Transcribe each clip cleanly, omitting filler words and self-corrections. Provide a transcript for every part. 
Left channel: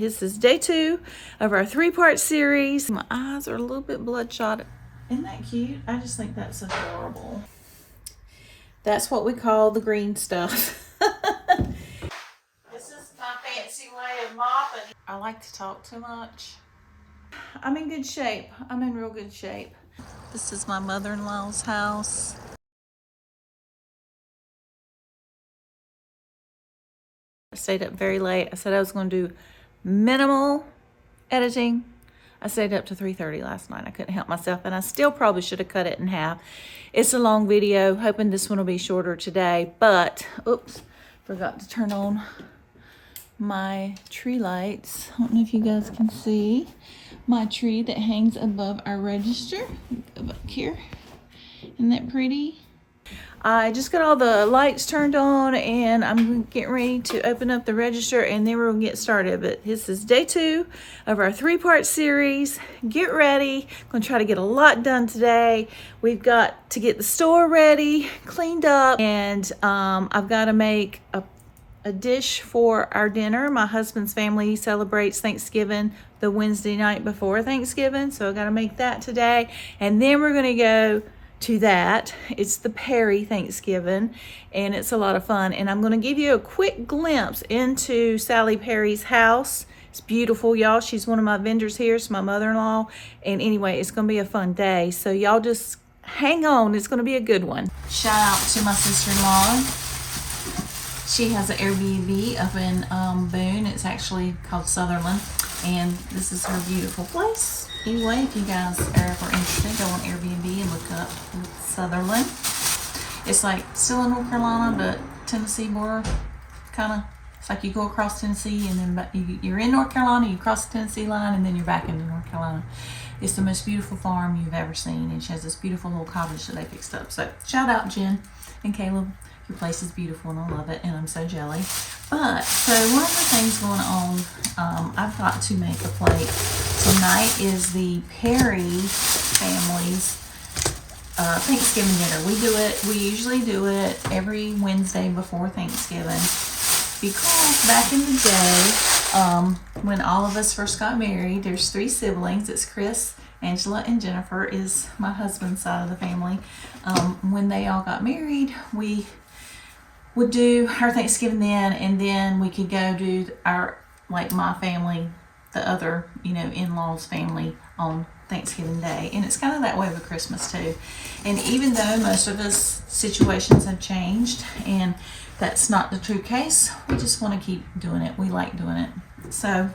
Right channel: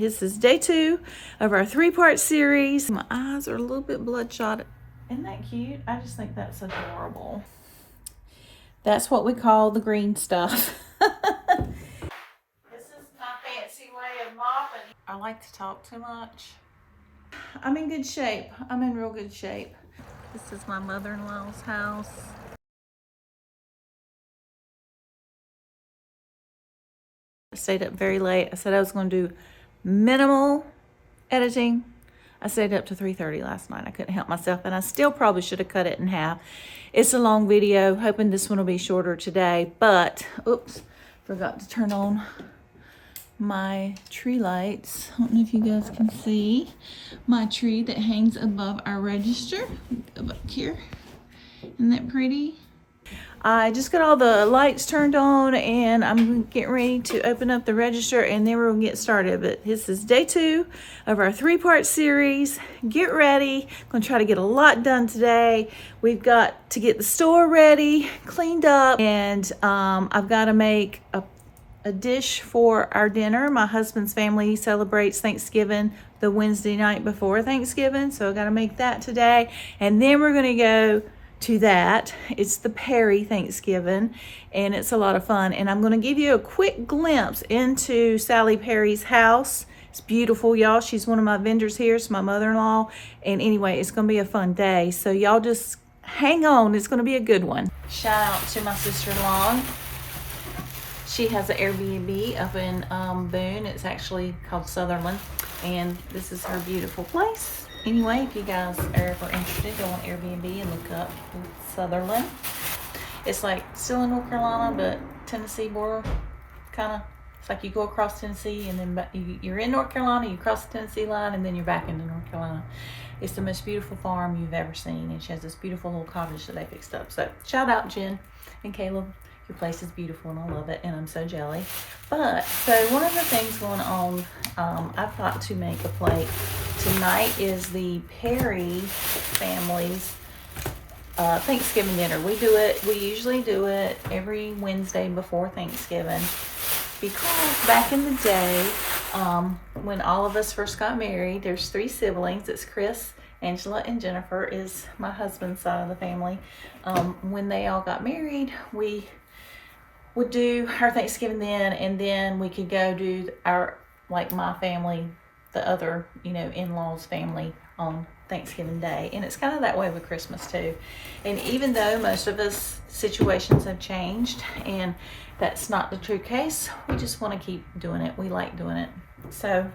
this is day 2 of our 3-part series. My eyes are a little bit bloodshot. Isn't that cute? I just think that's adorable. That's what we call the green stuff. This is my fancy way of mopping. I like to talk too much. I'm in good shape. I'm in real good shape. This is my mother-in-law's house. I stayed up very late. I said I was going to do minimal editing. I stayed up to 3:30 last night. I couldn't help myself, and I still probably should have cut it in half. It's a long video, hoping this one will be shorter today, but oops, forgot to turn on my tree lights. I don't know if you guys can see my tree that hangs above our register. Go back here. Isn't that pretty? I just got all the lights turned on, and I'm getting ready to open up the register, and then we're gonna get started. But this is day 2 of our 3-part series. Get ready. I'm gonna try to get a lot done today. We've got to get the store ready, cleaned up, and I've got to make a dish for our dinner. My husband's family celebrates Thanksgiving the Wednesday night before Thanksgiving, so I got to make that today, and then we're gonna go to that. It's the Perry Thanksgiving, and it's a lot of fun. And I'm going to give you a quick glimpse into Sally Perry's house. It's beautiful, y'all. She's one of my vendors here. It's my mother-in-law. And anyway, it's going to be a fun day. So y'all just hang on. It's going to be a good one. Shout out to my sister-in-law. She has an Airbnb up in Boone. It's actually called Sutherland. And this is her beautiful place. Anyway, if you guys are ever interested, go on Airbnb and look up Sutherland. It's like still in North Carolina, but Tennessee border, kind of. It's like you go across Tennessee, and then you're in North Carolina, you cross the Tennessee line, and then you're back into North Carolina. It's the most beautiful farm you've ever seen, and she has this beautiful little cottage that they fixed up. So shout out Jen and Caleb. Your place is beautiful, and I love it, and I'm so jelly. But so one of the things going on, I've got to make a plate. Tonight is the Perry family's Thanksgiving dinner. We usually do it every Wednesday before Thanksgiving, because back in the day, when all of us first got married, there's 3 siblings. It's Chris, Angela, and Jennifer is my husband's side of the family. When they all got married, we would do our Thanksgiving then, and then we could go do our, like my family, the other, in-laws family on Thanksgiving Day. And it's kind of that way with Christmas too. And even though most of us situations have changed, and that's not the true case, we just want to keep doing it. We like doing it. So,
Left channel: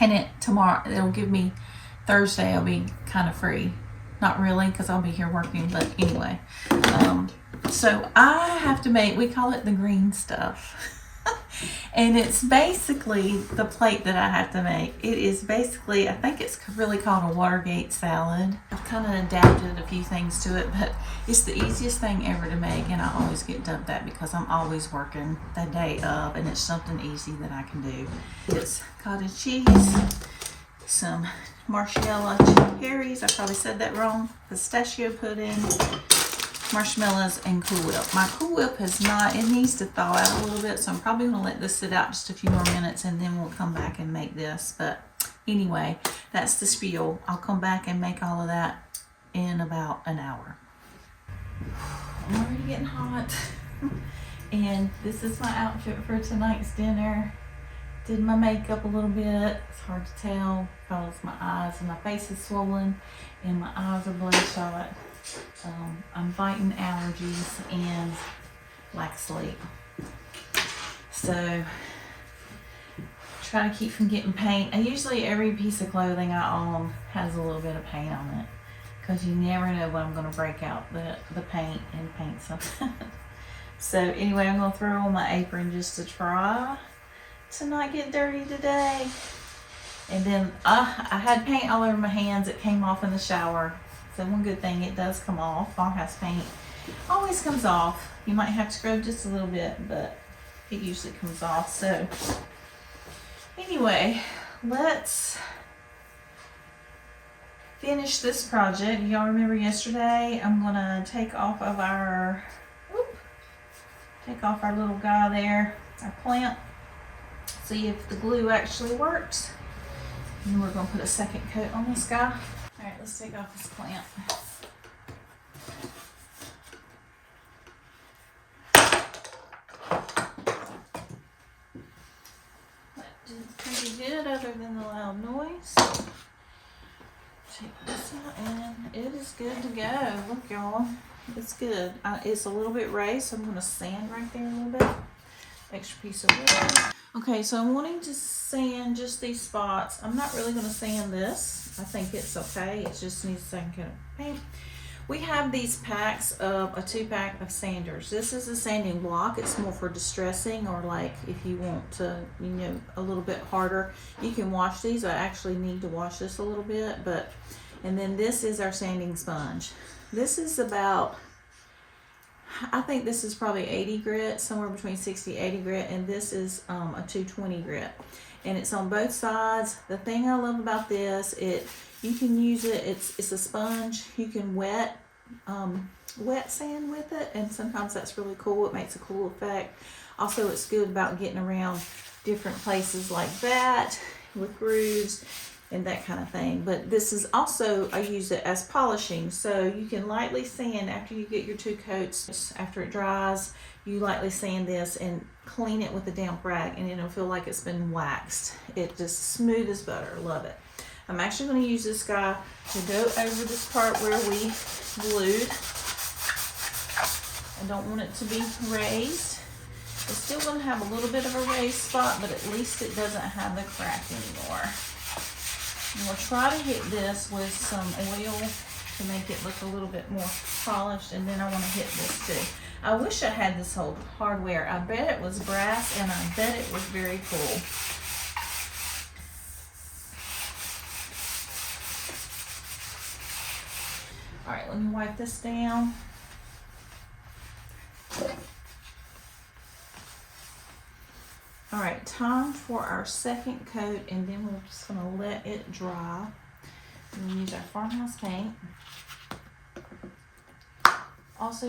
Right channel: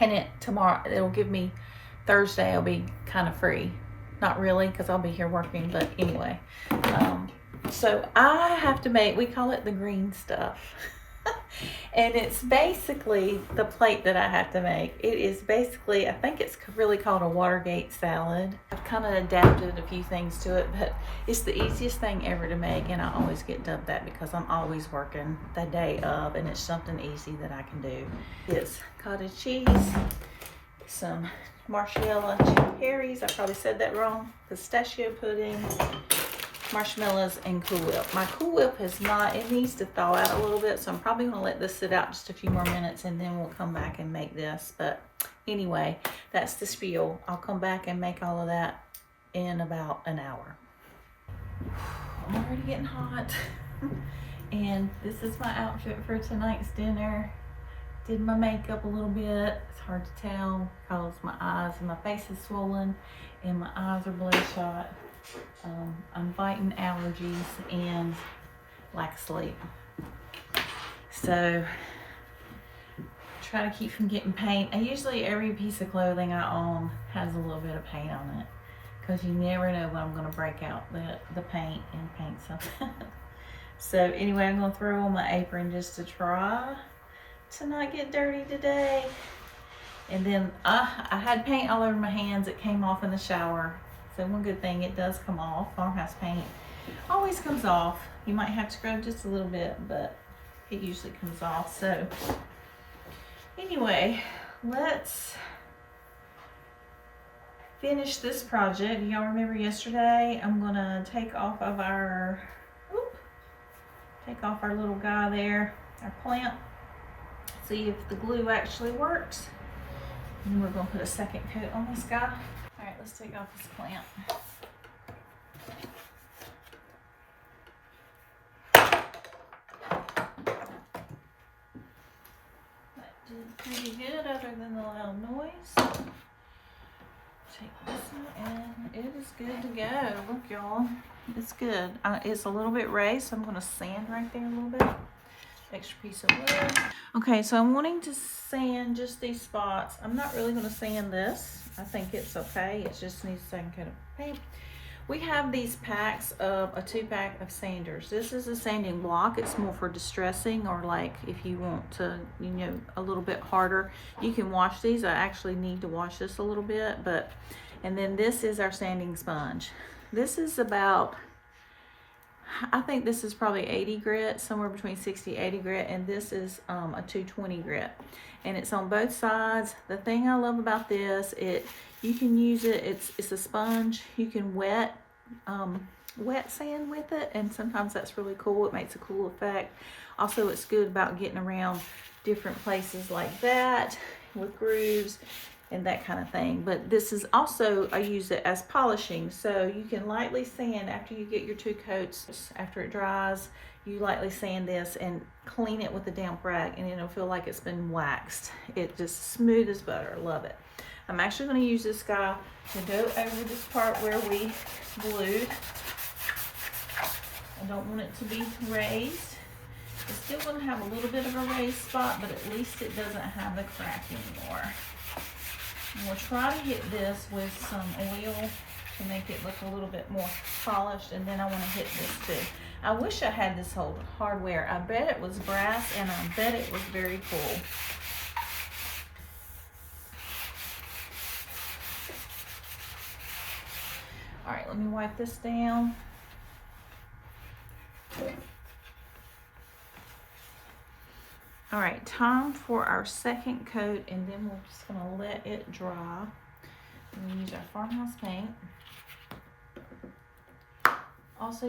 and tomorrow, it'll give me Thursday, I'll be kind of free. Not really, because I'll be here working, but anyway. So I have to make, we call it the green stuff. And it's basically the plate that I have to make. It is basically, I think it's really called a Watergate salad. I've kind of adapted a few things to it, but it's the easiest thing ever to make, and I always get dumped that because I'm always working the day of, and it's something easy that I can do. It's cottage cheese, some marshmallow cherries, I probably said that wrong, pistachio pudding, marshmallows, and Cool Whip. My Cool Whip it needs to thaw out a little bit, so I'm probably going to let this sit out just a few more minutes, and then we'll come back and make this. But anyway, that's the spiel. I'll come back and make all of that in about an hour. I'm already getting hot. And this is my outfit for tonight's dinner. Did my makeup a little bit. It's hard to tell because my eyes and my face is swollen and my eyes are bloodshot. I'm fighting allergies and lack of sleep. So try to keep from getting paint. Usually every piece of clothing I own has a little bit of paint on it, because you never know when I'm going to break out the paint and paint something. So anyway, I'm going to throw on my apron just to try to not get dirty today. And then I had paint all over my hands. It came off in the shower. So one good thing, it does come off. Farmhouse paint always comes off. You might have to scrub just a little bit, but it usually comes off. So anyway, let's finish this project. Y'all remember yesterday, I'm gonna take off our little guy there, our plant. see if the glue actually works. And we're gonna put a second coat on this guy. All right, let's take off this clamp. That did pretty good other than the loud noise. Take this one and it is good to go. Look, y'all, it's good. It's a little bit raised, so I'm gonna sand right there a little bit. Extra piece of wood. Okay, so I'm wanting to sand just these spots. I'm not really gonna sand this. I think it's okay. It just needs a second coat of paint. We have these packs of a 2-pack of sanders. This is a sanding block. It's more for distressing, or like if you want to, you know, a little bit harder. You can wash these. I actually need to wash this a little bit, but, and then this is our sanding sponge. This is about, I think this is probably 80 grit, somewhere between 60 80 grit, and this is a 220 grit, and it's on both sides. The thing I love about this, you can use it, it's a sponge. You can wet sand with it, and sometimes that's really cool. It makes a cool effect. Also, it's good about getting around different places like that with grooves and that kind of thing. But this is also, I use it as polishing. So you can lightly sand after you get your 2 coats. After it dries, you lightly sand this and clean it with a damp rag, and it'll feel like it's been waxed. It's just smooth as butter. Love it. I'm actually going to use this guy to go over this part where we glued. I don't want it to be raised. It's still going to have a little bit of a raised spot, but at least it doesn't have the crack anymore. And we'll try to hit this with some oil to make it look a little bit more polished, and then I want to hit this too. I wish I had this whole hardware. I bet it was brass, and I bet it was very cool. All right, let me wipe this down. All right, time for our second coat, and then we're just gonna let it dry. We're gonna use our farmhouse paint. Also,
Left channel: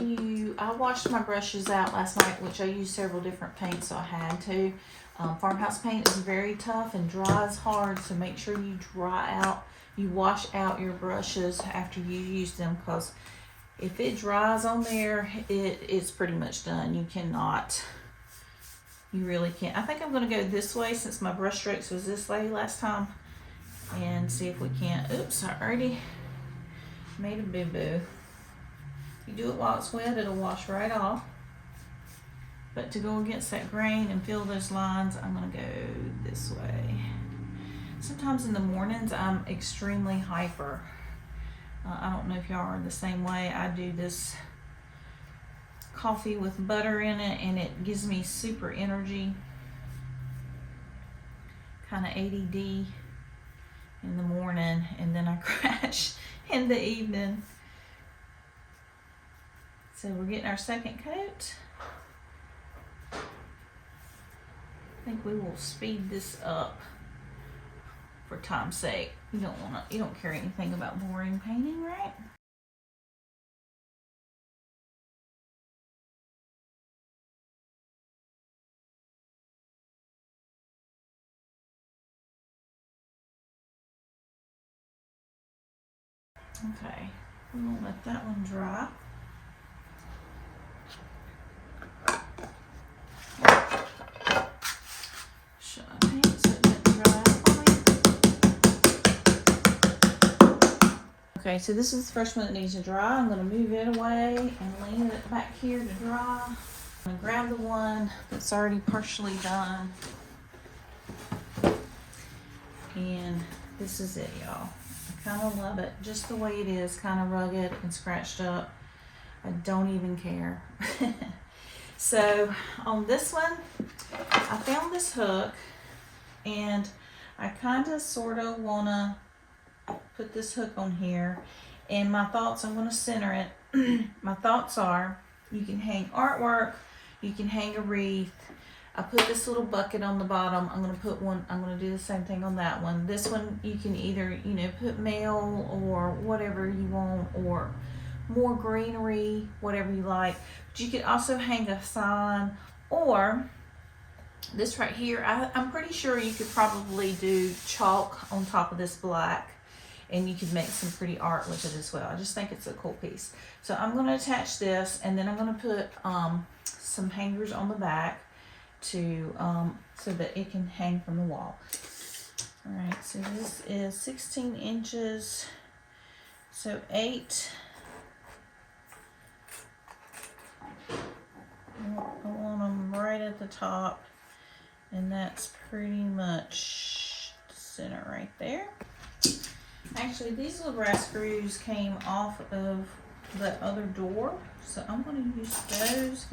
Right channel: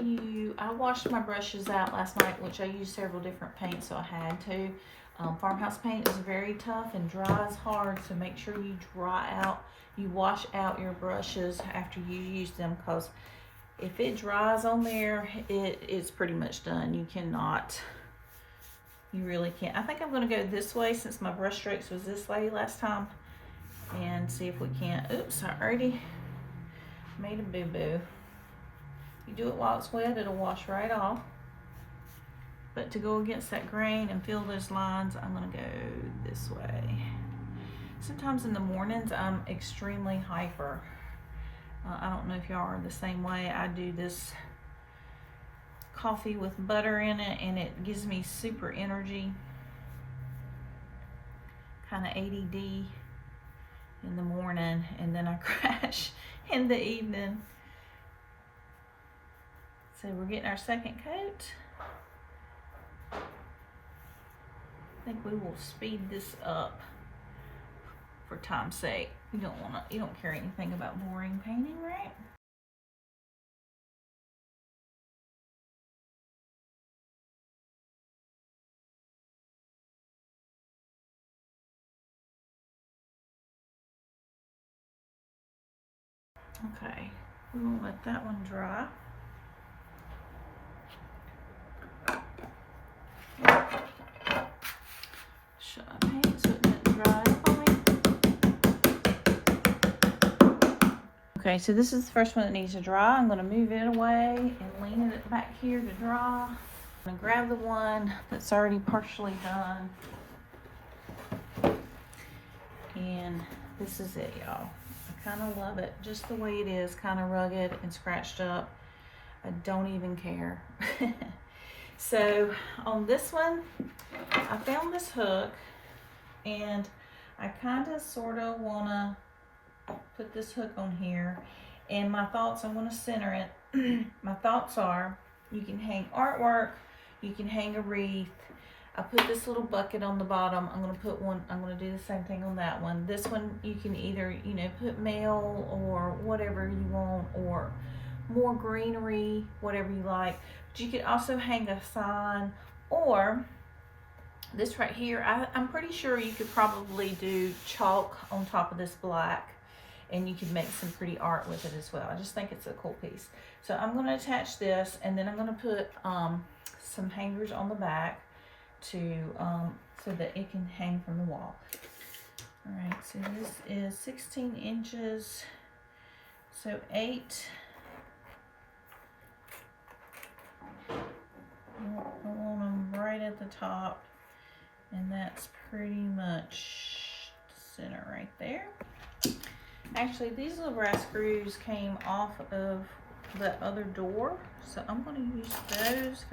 I washed my brushes out last night, which I used several different paints, so I had to. Farmhouse paint is very tough and dries hard, so make sure you you wash out your brushes after you use them, because if it dries on there, it's pretty much done. You really can't. I think I'm gonna go this way since my brush strokes was this way last time, and see if we can't. Oops, I already made a boo-boo. You do it while it's wet, it'll wash right off. But to go against that grain and fill those lines, I'm gonna go this way. Sometimes in the mornings, I'm extremely hyper. I don't know if y'all are the same way. I do this coffee with butter in it, and it gives me super energy. Kind of ADD in the morning, and then I crash in the evening. So we're getting our second coat. I think we will speed this up for time's sake. You don't care anything about boring painting, right? Okay, I'm gonna let that one dry. Should I paint so it doesn't dry up on me? Okay, so this is the first one that needs to dry. I'm gonna move it away and lean it back here to dry. I'm gonna grab the one that's already partially done. And this is it, y'all. I kind of love it just the way it is, kind of rugged and scratched up. I don't even care. So on this one, I found this hook, and I kind of sort of want to put this hook on here, and my thoughts, I'm going to center it. My thoughts are, you can hang artwork, you can hang a wreath. I put this little bucket on the bottom. I'm going to do the same thing on that one. This one, you can either, put mail or whatever you want, or more greenery, whatever you like. But you could also hang a sign, or This right here, I'm pretty sure you could probably do chalk on top of this black, and you could make some pretty art with it as well. I just think it's a cool piece. So I'm going to attach this, and then I'm going to put some hangers on the back to so that it can hang from the wall. All right, so this is 16 inches, so 8. I want them right at the top, and that's pretty much the center right there. Actually, these little brass screws came off of the other door, so I'm going to use those,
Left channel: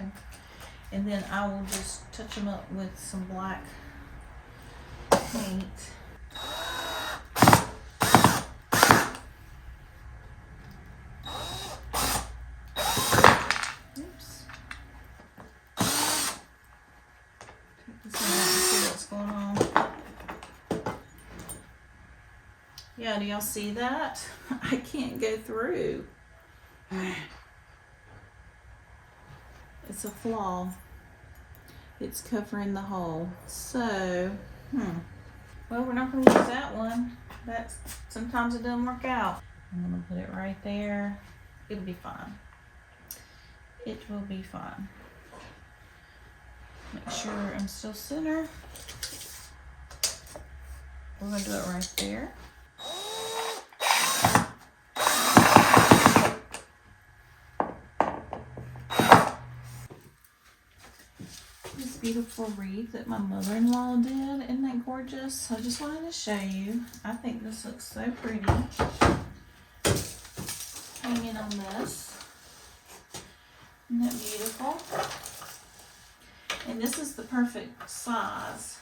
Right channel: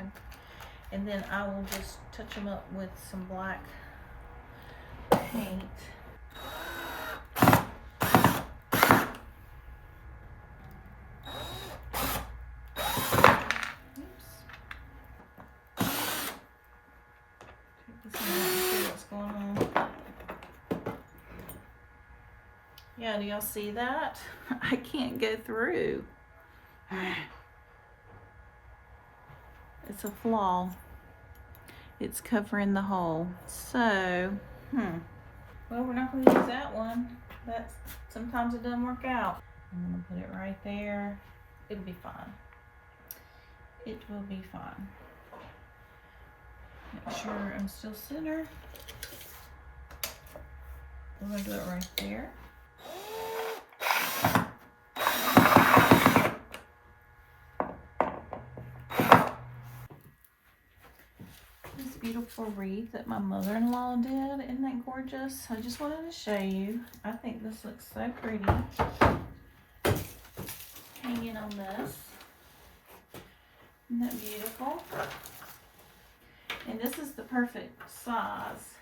and then I will just touch them up with some black paint. Yeah, do y'all see that? I can't go through. It's a flaw. It's covering the hole. So, well, we're not going to use that one. That's sometimes it doesn't work out. I'm going to put it right there. It'll be fine. It will be fine. Make sure I'm still center. We're going to do it right there. This beautiful wreath that my mother-in-law did, isn't that gorgeous? I just wanted to show you. I think this looks so pretty. Hanging on this. Isn't that beautiful? And this is the perfect size.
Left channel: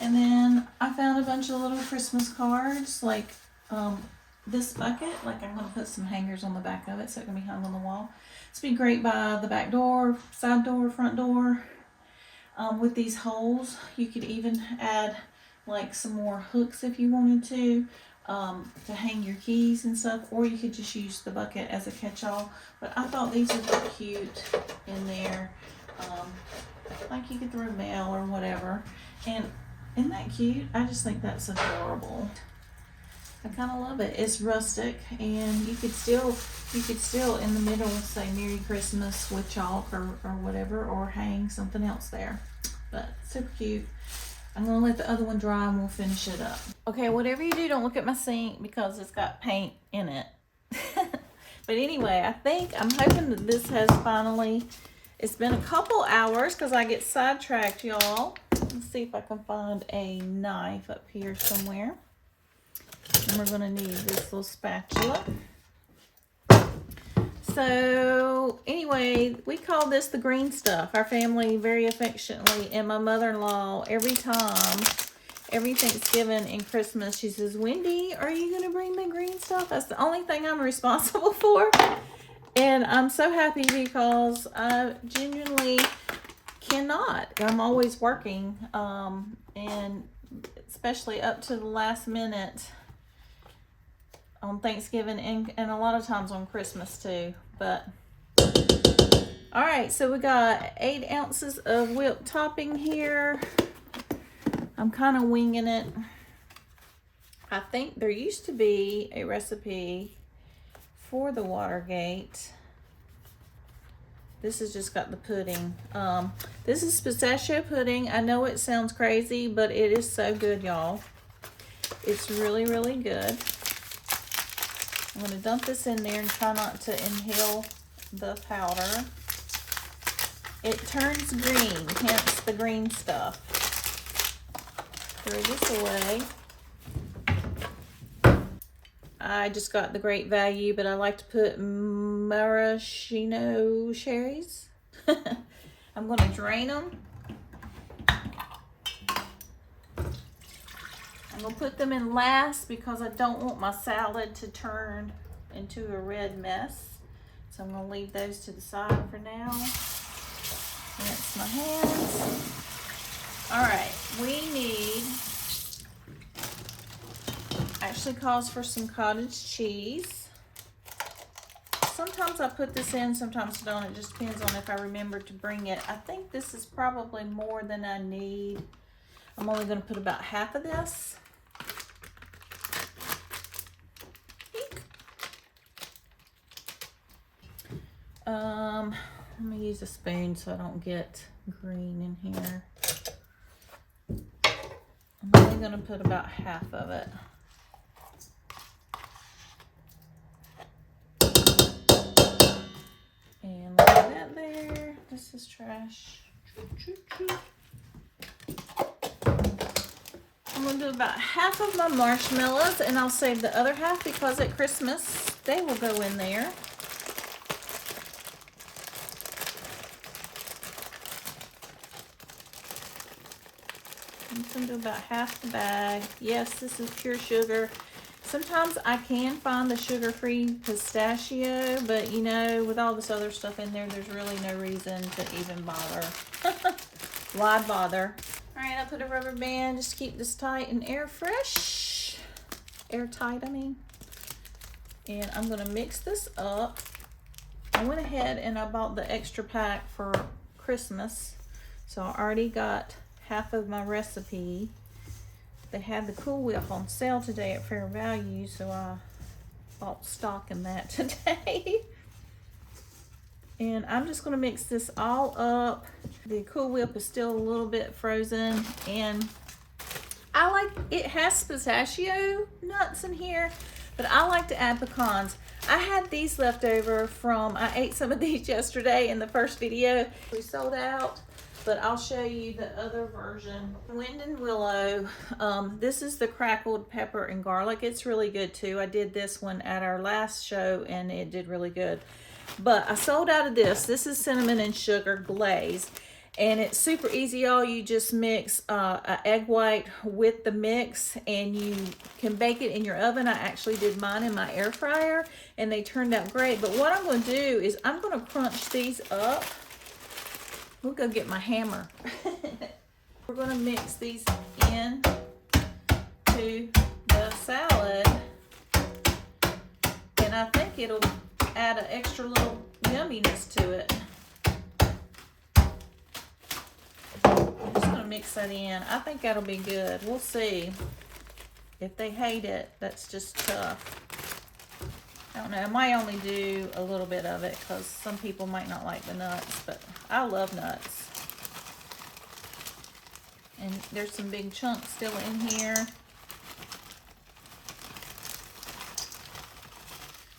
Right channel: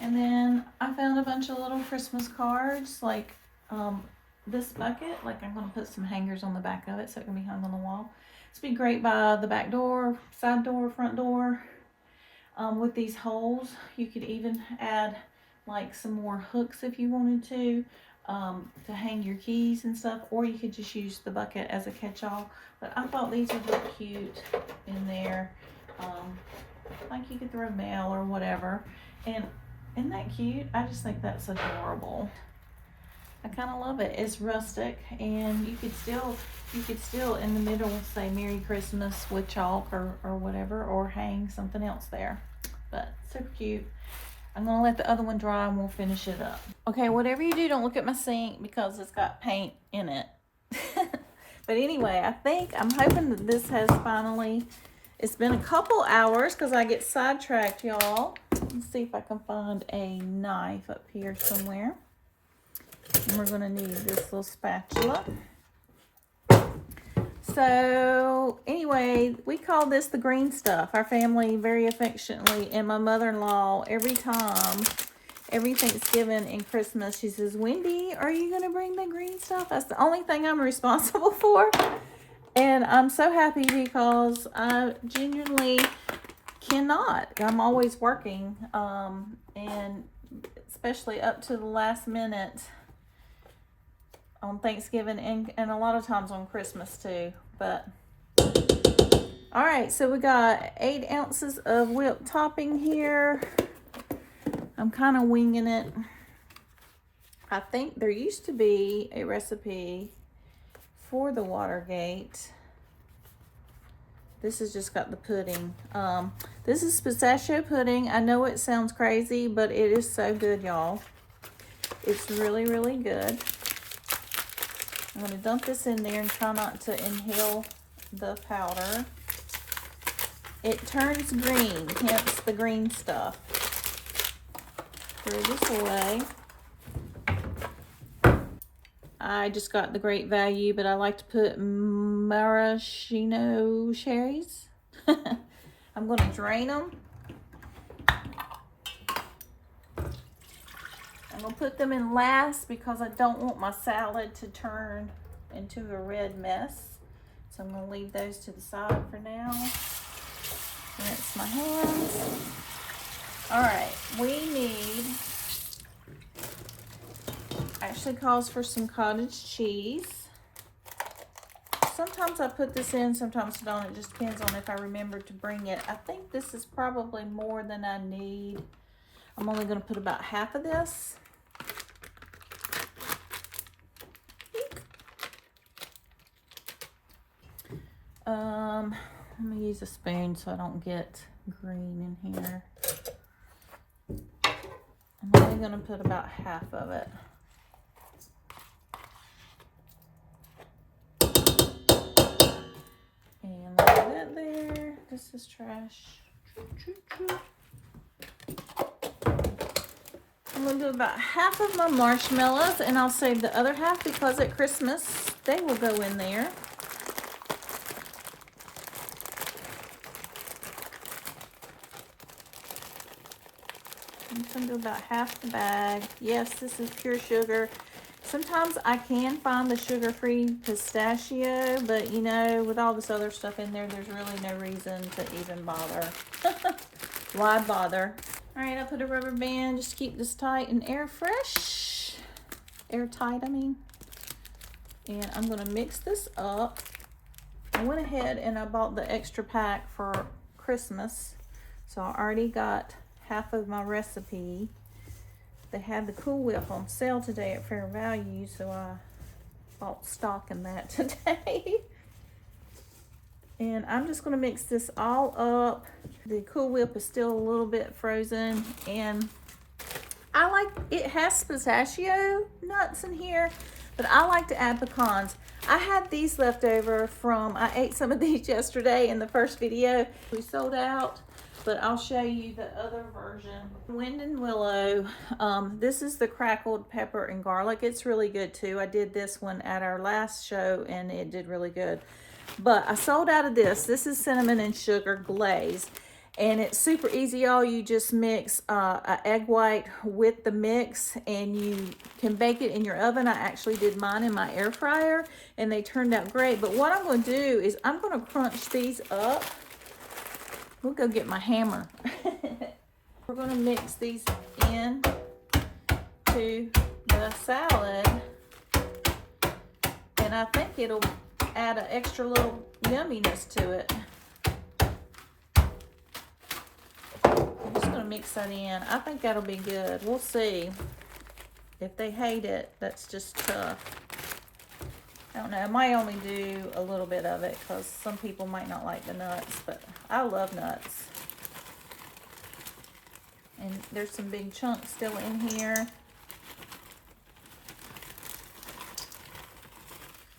And then I found a bunch of little Christmas cards, like this bucket. Like, I'm going to put some hangers on the back of it so it can be hung on the wall. This would be great by the back door, side door, front door. With these holes, you could even add like some more hooks if you wanted to hang your keys and stuff, or you could just use the bucket as a catch-all. But I thought these would look cute in there, like you could throw mail or whatever. And isn't that cute? I just think that's adorable. I kind of love it. It's rustic, and you could still in the middle say Merry Christmas with chalk or whatever, or hang something else there. But super cute. I'm gonna let the other one dry and we'll finish it up. Okay, whatever you do, don't look at my sink because it's got paint in it. But anyway, I'm hoping that this has finally, it's been a couple hours because I get sidetracked, y'all. Let's see if I can find a knife up here somewhere. And we're gonna need this little spatula. So anyway, we call this the green stuff. Our family very affectionately, and my mother-in-law, every Thanksgiving and Christmas, she says, Wendy, are you gonna bring the green stuff? That's the only thing I'm responsible for. And I'm so happy because I genuinely cannot. I'm always working, and especially up to the last minute on Thanksgiving and a lot of times on Christmas too. But all right, so we got 8 ounces of whipped topping here. I'm kind of winging it. I think there used to be a recipe for the Watergate. This has just got the pudding. This is pistachio pudding. I know it sounds crazy, but it is so good, y'all. It's really, really good. I'm going to dump this in there and try not to inhale the powder. It turns green, hence the green stuff. Throw this away. I just got the Great Value, but I like to put maraschino cherries. I'm going to drain them. I'm going to put them in last because I don't want my salad to turn into a red mess. So I'm going to leave those to the side for now. Rinse my hands. All right, we need, actually calls for some cottage cheese. sometimes I put this in, sometimes I don't. It just depends on if I remember to bring it. I think this is probably more than I need. I'm only going to put about half of this. Let me use a spoon so I don't get green in here. I'm only going to put about half of it. And look at that there. This is trash. I'm going to do about half of my marshmallows, and I'll save the other half because at Christmas they will go in there. I'm going to do about half the bag. Yes, this is pure sugar. Sometimes I can find the sugar-free pistachio, but you know, with all this other stuff in there, there's really no reason to even bother. Why bother? All right, I put a rubber band just to keep this tight and airtight, I mean. And I'm gonna mix this up. I went ahead and I bought the extra pack for Christmas. So I already got half of my recipe. They had the Cool Whip on sale today at fair value, so I bought stock in that today. And I'm just gonna mix this all up. The Cool Whip is still a little bit frozen, and I like, it has pistachio nuts in here, but I like to add pecans. I had these left over from, I ate some of these yesterday in the first video. We sold out. But I'll show you the other version. Wind and Willow. This is the crackled pepper and garlic. It's really good too. I did this one at our last show and it did really good. But I sold out of this. This is cinnamon and sugar glaze. And it's super easy, y'all. You just mix an egg white with the mix and you can bake it in your oven. I actually did mine in my air fryer and they turned out great. But what I'm going to do is I'm going to crunch these up. We'll go get my hammer. We're going to mix these in to the salad. And I think it'll add an extra little yumminess to it. I'm just going to mix that in. I think that'll be good. We'll see. If they hate it, that's just tough. I don't know, I might only do a little bit of it because some people might not like the nuts, but I love nuts. And there's some big chunks still in here.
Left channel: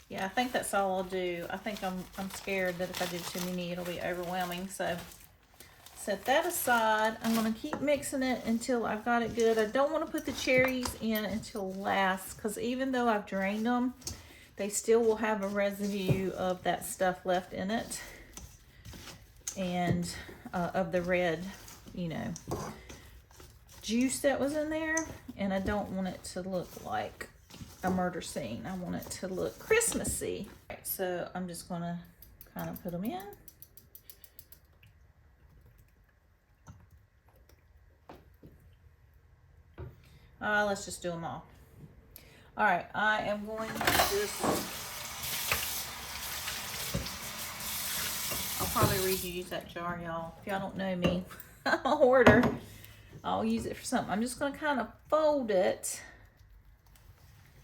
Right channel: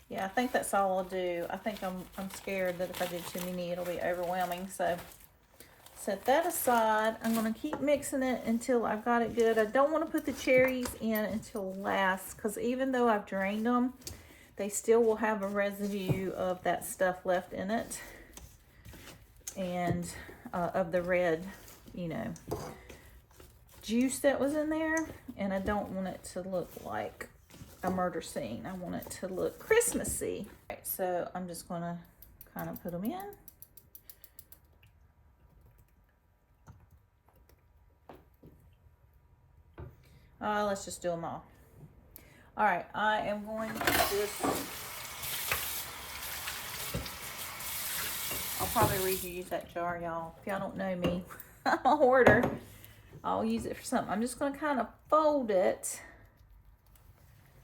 Yeah, I think that's all I'll do. I think I'm scared that if I did too many, it'll be overwhelming. So set that aside. I'm gonna keep mixing it until I've got it good. I don't want to put the cherries in until last because even though I've drained them, they still will have a residue of that stuff left in it and of the red, you know, juice that was in there. And I don't want it to look like a murder scene. I want it to look Christmassy. Right, so I'm just going to kind of put them in. Let's just do them all. All right, I am going to just, I'll probably reuse that jar, y'all. If y'all don't know me, I'm a hoarder. I'll use it for something. I'm just going to kind of fold it.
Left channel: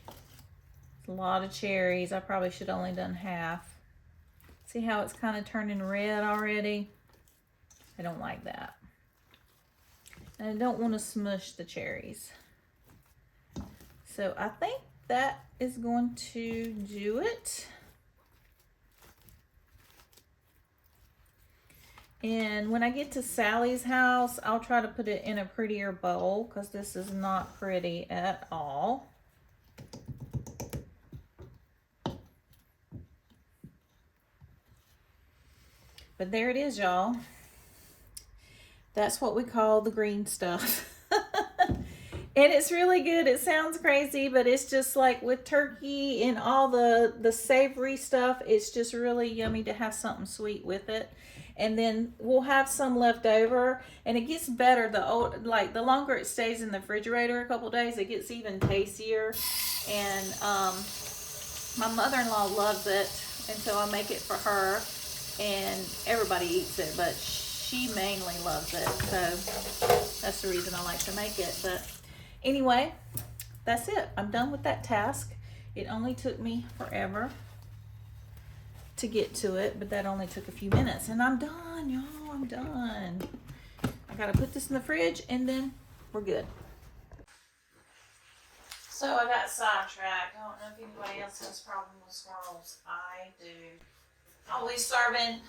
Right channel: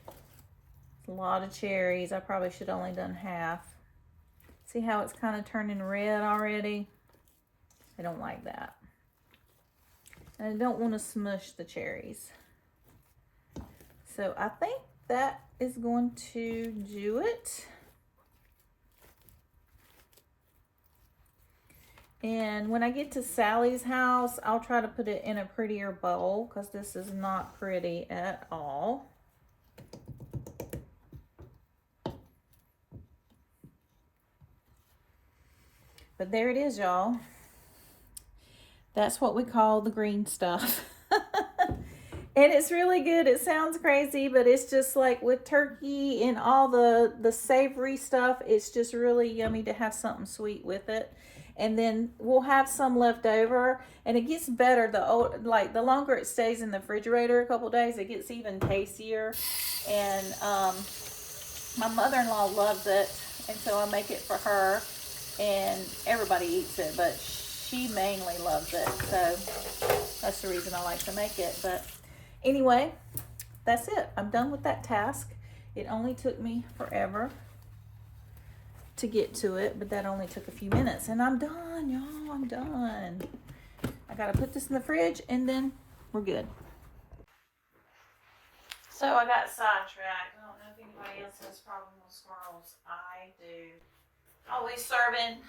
It's a lot of cherries. I probably should have only done half. See how it's kind of turning red already? I don't like that. And I don't want to smush the cherries. So I think that is going to do it. And when I get to Sally's house, I'll try to put it in a prettier bowl because this is not pretty at all. But there it is, y'all. That's what we call the green stuff. And it's really good. It sounds crazy, but it's just like with turkey and all the savory stuff, it's just really yummy to have something sweet with it. And then we'll have some left over, and it gets better the longer it stays in the refrigerator a couple days, it gets even tastier. And my mother-in-law loves it. And so I make it for her, and everybody eats it, but she mainly loves it. So that's the reason I like to make it. But anyway, that's it. I'm done with that task. It only took me forever to get to it, but that only took a few minutes, and I'm done, y'all. I'm done. I gotta put this in the fridge, and then we're good. So I got sidetracked. I don't know if anybody else has a problem with squirrels. I do. I'll be serving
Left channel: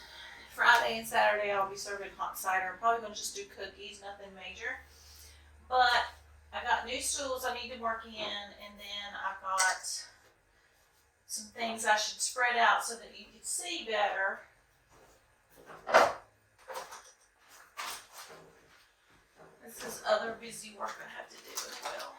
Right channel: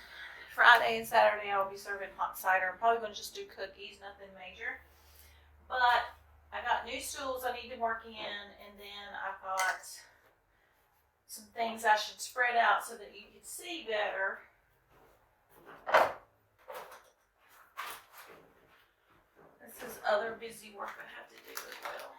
Friday and Saturday. I'll be serving hot cider. I'm probably gonna just do cookies, nothing major. But I got new stools I need to work in, and then I've got some things I should spread out so that you can see better. This is other busy work I have to do as well.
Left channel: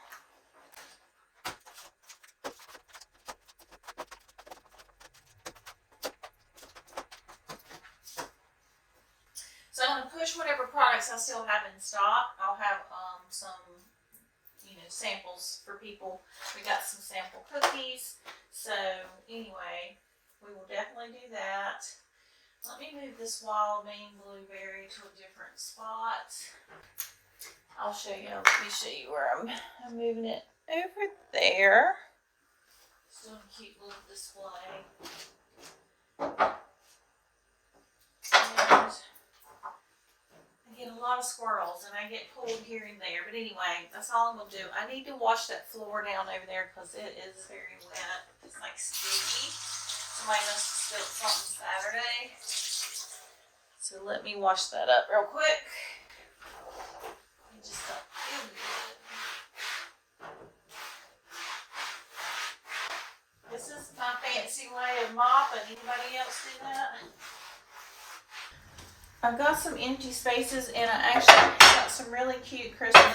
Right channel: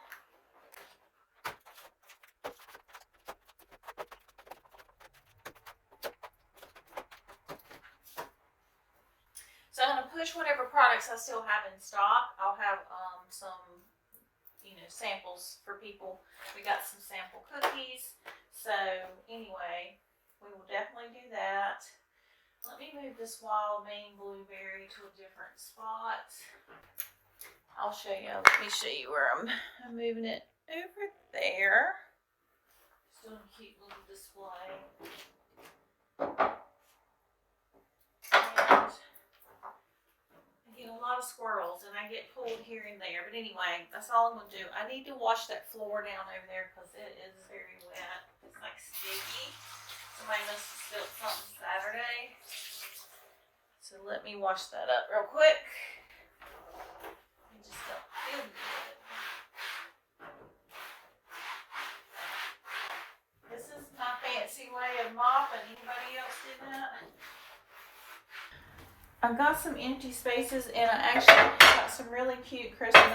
So I'm going to push whatever products I still have in stock. I'll have some, samples for people. We got some sample cookies. So anyway, we will definitely do that. Let me move this wild Maine blueberry to a different spot. I'll show you. Let me show you where I'm moving it over there. Still a cute little display. And I get a lot of squirrels, and I get pulled here and there. But anyway, that's all I'm going to do. I need to wash that floor down over there because it is very wet. It's like sticky. Somebody must have spilled something Saturday. So let me wash that up real quick. It just don't feel good. This is my fancy way of mopping. Anybody else do that? I've got some empty spaces, and I actually got some really cute Christmas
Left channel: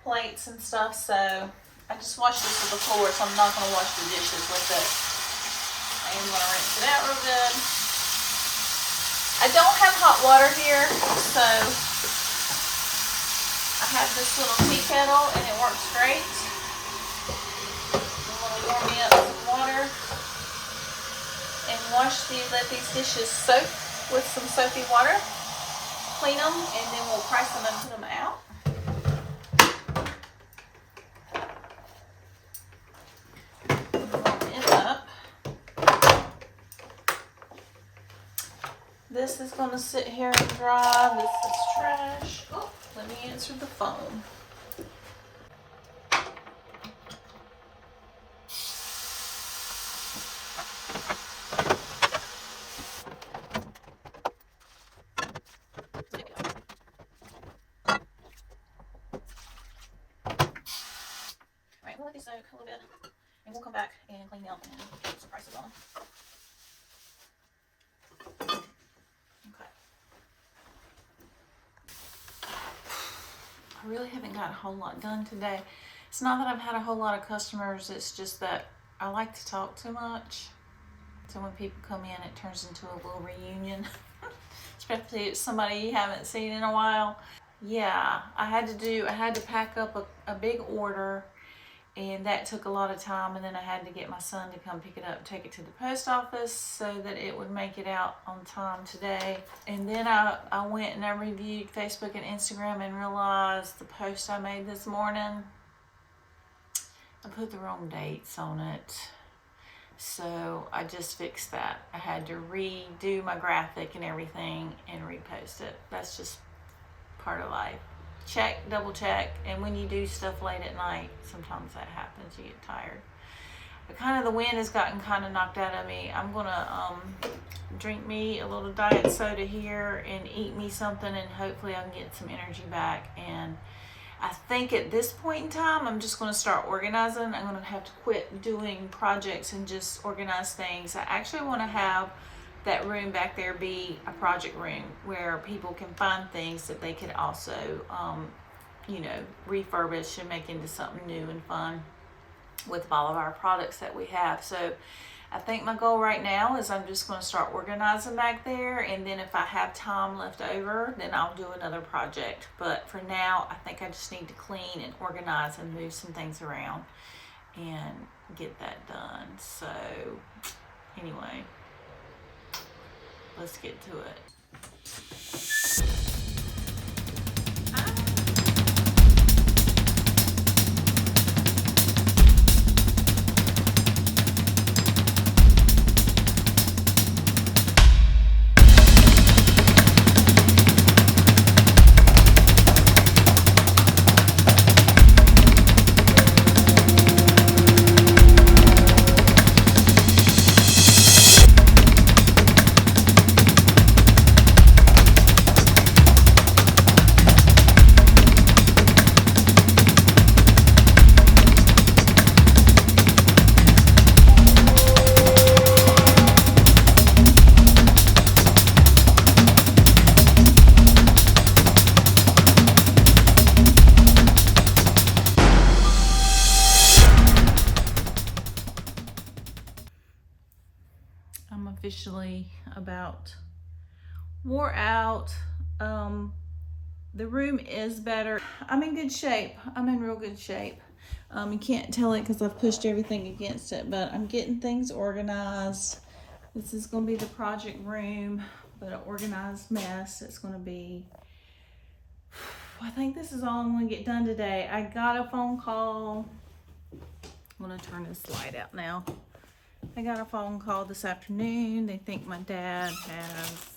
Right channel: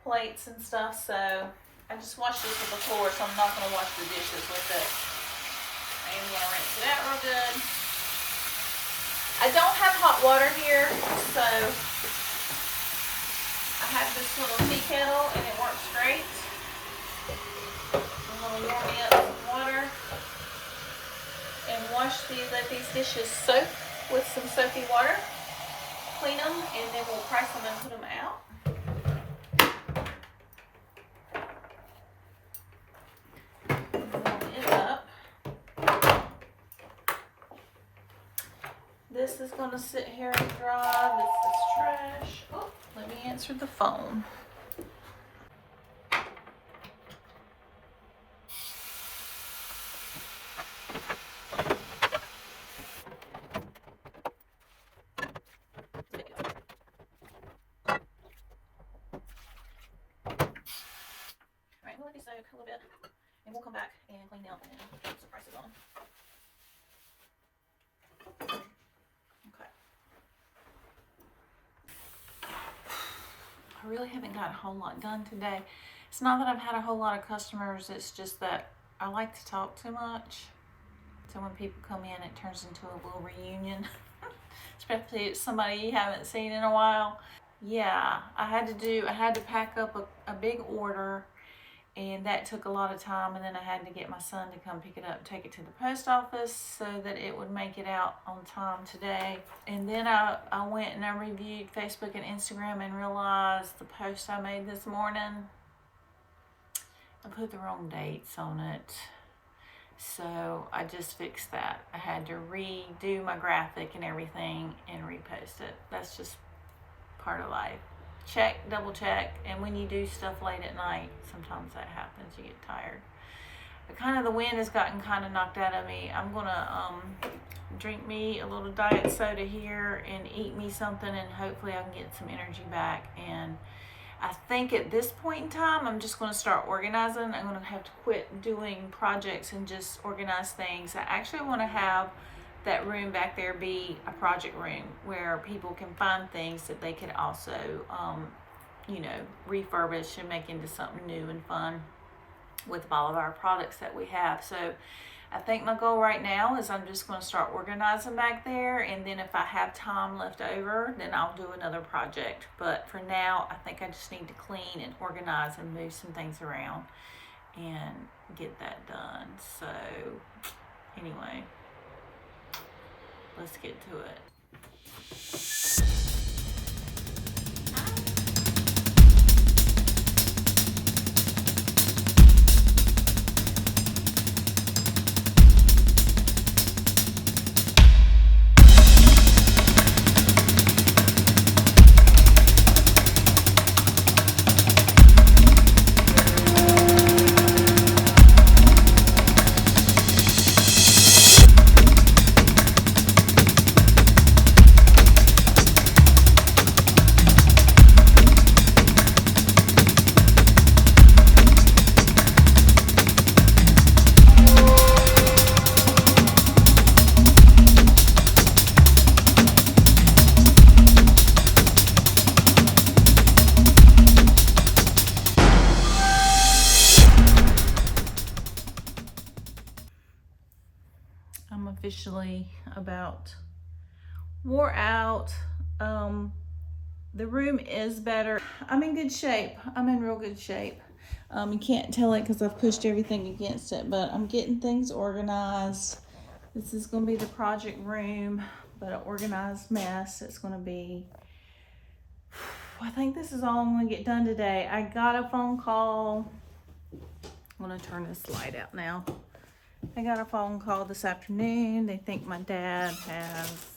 plates and stuff, so I just washed this with the floor, so I'm not going to wash the dishes with it. I'm going to rinse it out real good. I don't have hot water here, so I have this little tea kettle, and it works great. I'm going to warm me up some water and let these dishes soak with some soapy water, clean them, and then we'll press them and put them out. Warm it up. This is going to sit here and dry. This is trash. Oh, let me answer the phone. Soak a little bit, and we'll come back and clean them and put some prices on them. Okay. I really haven't got a whole lot done today. It's not that I've had a whole lot of customers, it's just that I like to talk too much. So when people come in, it turns into a little reunion, especially if it's somebody you haven't seen in a while. Yeah, I had to pack up a big order, and that took a lot of time, and then I had to get my son to come pick it up, take it to the post office so that it would make it out on time today. And then I went and I reviewed Facebook and Instagram and realized the post I made this morning, I put the wrong dates on it. So I just fixed that. I had to redo my graphic and everything and repost it. That's just part of life. Check, double check, and when you do stuff late at night, sometimes that happens. You get tired. But kind of the wind has gotten kind of knocked out of me. I'm gonna drink me a little diet soda here and eat me something, and hopefully I can get some energy back. And I think at this point in time, I'm just gonna start organizing. I'm gonna have to quit doing projects and just organize things. I actually want to have that room back there be a project room where people can find things that they could also, refurbish and make into something new and fun with all of our products that we have. So I think my goal right now is I'm just going to start organizing back there, and then if I have time left over, then I'll do another project. But for now, I think I just need to clean and organize and move some things around and get that done. So anyway, Let's get to it. I'm officially about wore out. The room is better. I'm in good shape. I'm in real good shape. You can't tell it because I've pushed everything against it, but I'm getting things organized. This is going to be the project room, but an organized mess. It's going to be, I think this is all I'm going to get done today. I got a phone call. I'm going to turn this light out now. I got a phone call this afternoon. They think my dad has,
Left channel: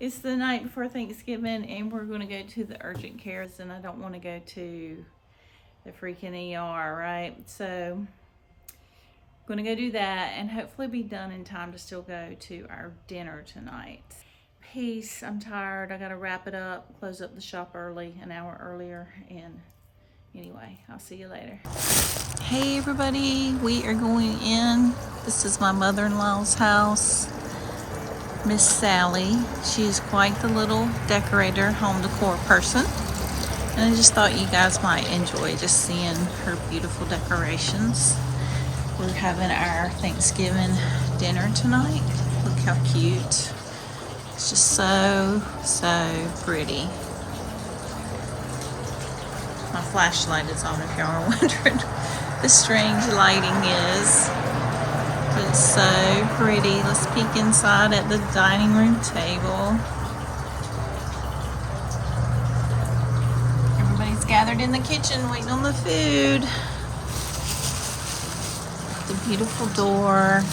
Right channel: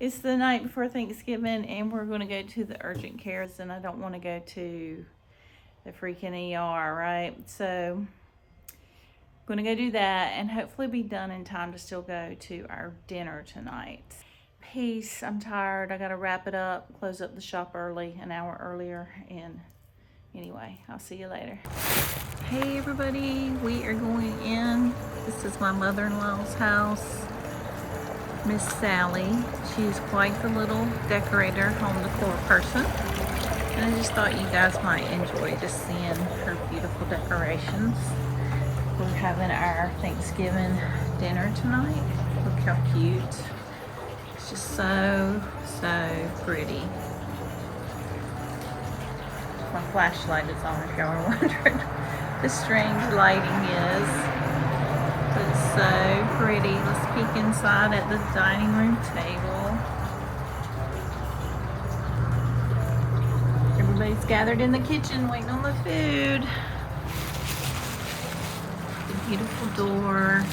it's the night before Thanksgiving and we're going to go to the urgent cares and I don't want to go to the freaking ER, right? So I'm going to go do that and hopefully be done in time to still go to our dinner tonight. Peace. I'm tired. I got to wrap it up, close up the shop early, an hour earlier. And anyway, I'll see you later. Hey everybody, we are going in. This is my mother-in-law's house, Miss Sally. She's quite the little decorator, home decor person. And I just thought you guys might enjoy just seeing her beautiful decorations. We're having our Thanksgiving dinner tonight. Look how cute. It's just so, so pretty. My flashlight is on if y'all are wondering. The strange lighting is, but it's so pretty. Let's peek inside at the dining room table. Everybody's gathered in the kitchen waiting on the food. The beautiful door.